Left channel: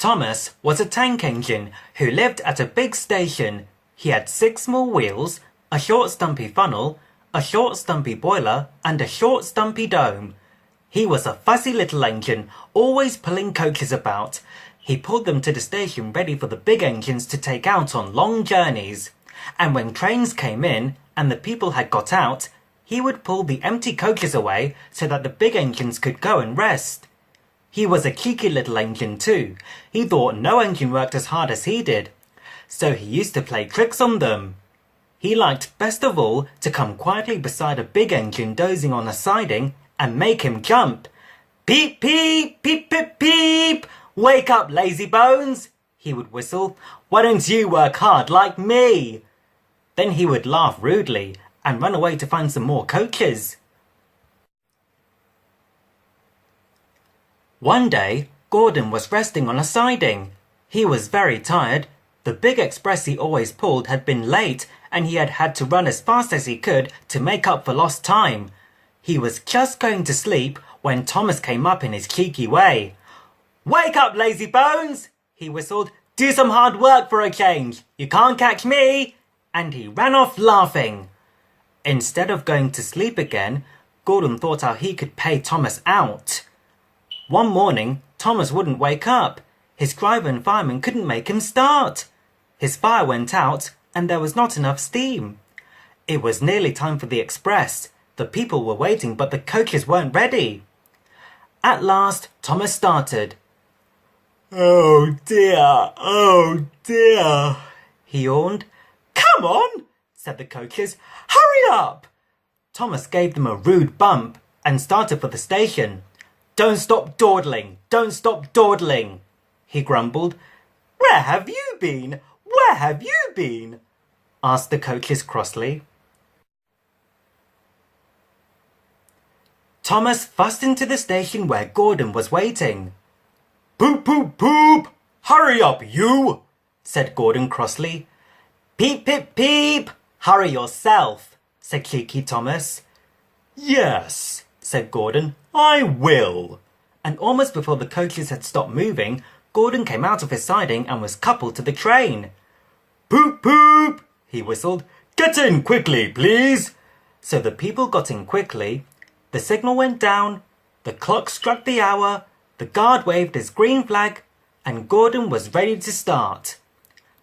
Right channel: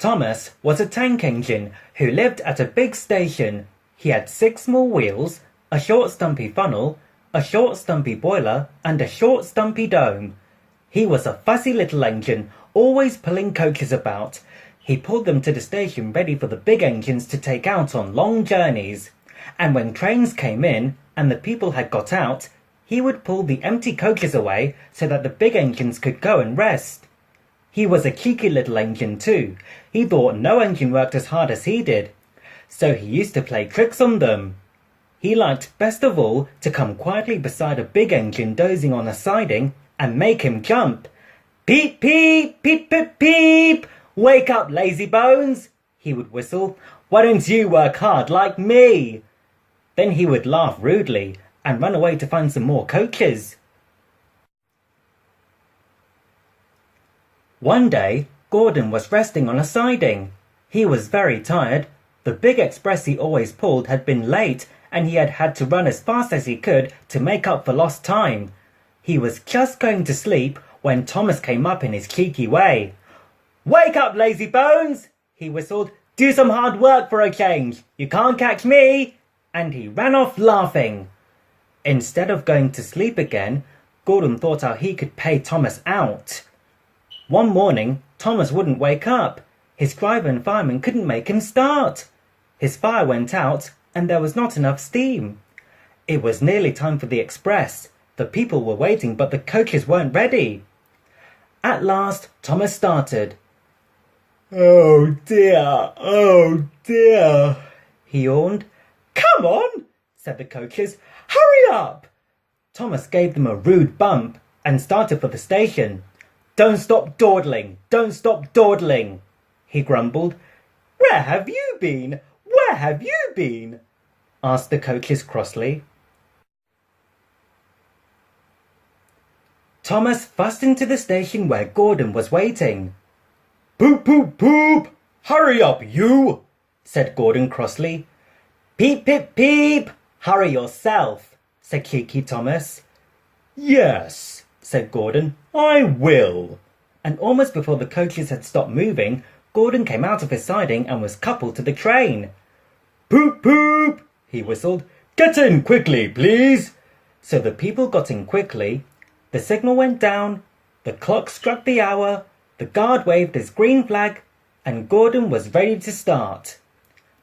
Thomas was a tank engine who lived at a big station. He had 6 small wheels, a short stumpy funnel, a short stumpy boiler, and a short stumpy dome. He was a fussy little engine, always pulling coaches about. He pulled them to the station ready for the big engines to take out on long journeys. And when trains came in and the people had got out, he would pull the empty coaches away so that the big engines could go and rest. He was a cheeky little engine too. He thought no engine worked as hard as he did, so he used to play tricks on them. He liked best of all to come quietly beside a big engine dozing on a siding and make him jump. Peep, peep, peep, peep, peep! Wake up, lazy bones! He would whistle. Why don't you work hard like me? Then he would laugh rudely and run away to find some more coaches. One day, Gordon was resting on a siding. He was very tired. The big express he always pulled had been late, and he had to run as fast as he could to make up for lost time. He was just going to sleep when Thomas came up in his cheeky way. Wake up, lazy bones! He whistled. Do some hard work for a change. You can't catch me! And he ran off laughing. Instead of going to sleep again, Gordon thought how he could pay Thomas out. One morning, Thomas wouldn't wake up. His driver and fireman couldn't make him start. His fire went out and there was not enough steam. It was nearly time for the express. The people were waiting, but the coaches weren't ready. At last, Thomas started. Oh dear, he yawned. Come on, said the coaches. Hurry up! Thomas gave them a rude bump and started for the station. Don't stop dawdling, don't stop dawdling, he grumbled. Where have you been? Where have you been? Asked the coaches crossly. Thomas fussed into the station where Gordon was waiting. Poop, poop, poop! Hurry up, you! Said Gordon crossly. Peep, peep, peep! Hurry yourself, said cheeky Thomas. Yes, said Gordon, I will. And almost before the coaches had stopped moving, Gordon came out of his siding and was coupled to the train. Poop, poop, he whistled. Get in quickly, please. So the people got in quickly. The signal went down, the clock struck the hour, the guard waved his green flag, and Gordon was ready to start.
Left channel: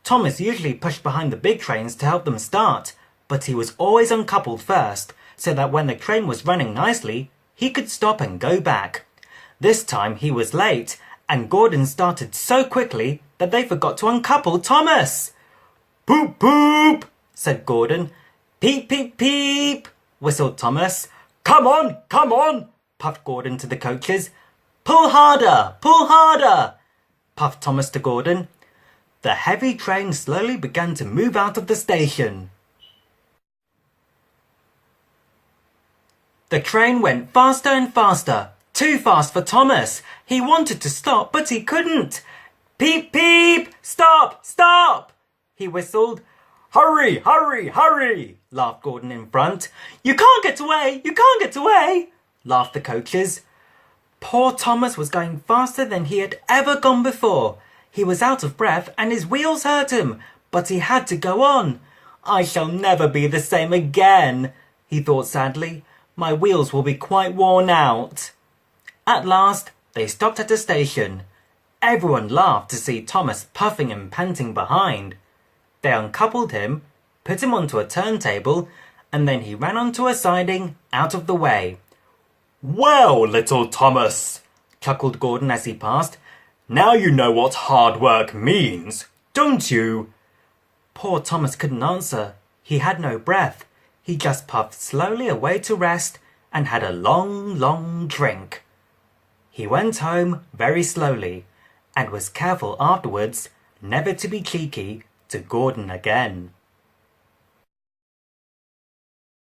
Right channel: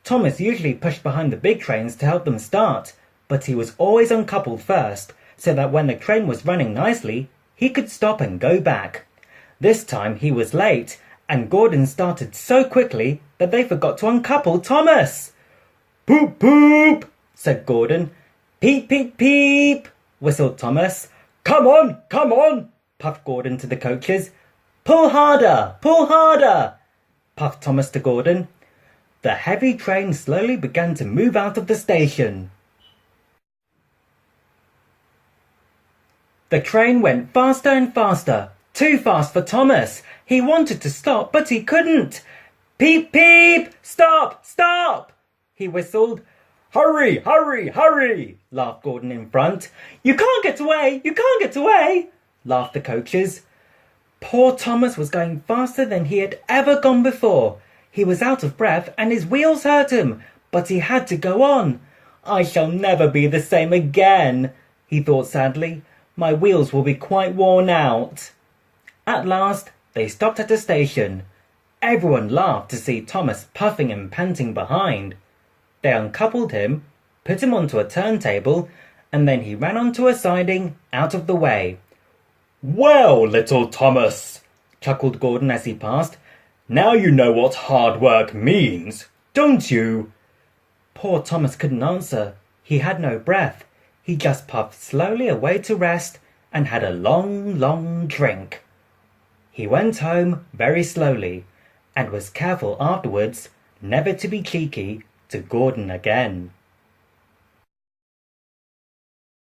Thomas usually pushed behind the big trains to help them start, but he was always uncoupled first, so that when the train was running nicely, he could stop and go back. This time he was late, and Gordon started so quickly that they forgot to uncouple Thomas. Poop, poop, said Gordon. Peep, peep, peep, whistled Thomas. Come on, puffed Gordon to the coaches. Pull harder, puffed Thomas to Gordon. The heavy train slowly began to move out of the station. The train went faster and faster, too fast for Thomas. He wanted to stop, but he couldn't. Peep, peep, stop, stop, he whistled. Hurry, hurry, hurry, laughed Gordon in front. You can't get away, laughed the coaches. Poor Thomas was going faster than he had ever gone before. He was out of breath and his wheels hurt him, but he had to go on. I shall never be the same again, he thought sadly. My wheels will be quite worn out. At last, they stopped at a station. Everyone laughed to see Thomas puffing and panting behind. They uncoupled him, put him onto a turntable, and then he ran onto a siding out of the way. Well, little Thomas, chuckled Gordon as he passed. Now you know what hard work means, don't you? Poor Thomas couldn't answer. He had no breath. He just puffed slowly away to rest and had a long, long drink. He went home very slowly and was careful afterwards never to be cheeky to Gordon again.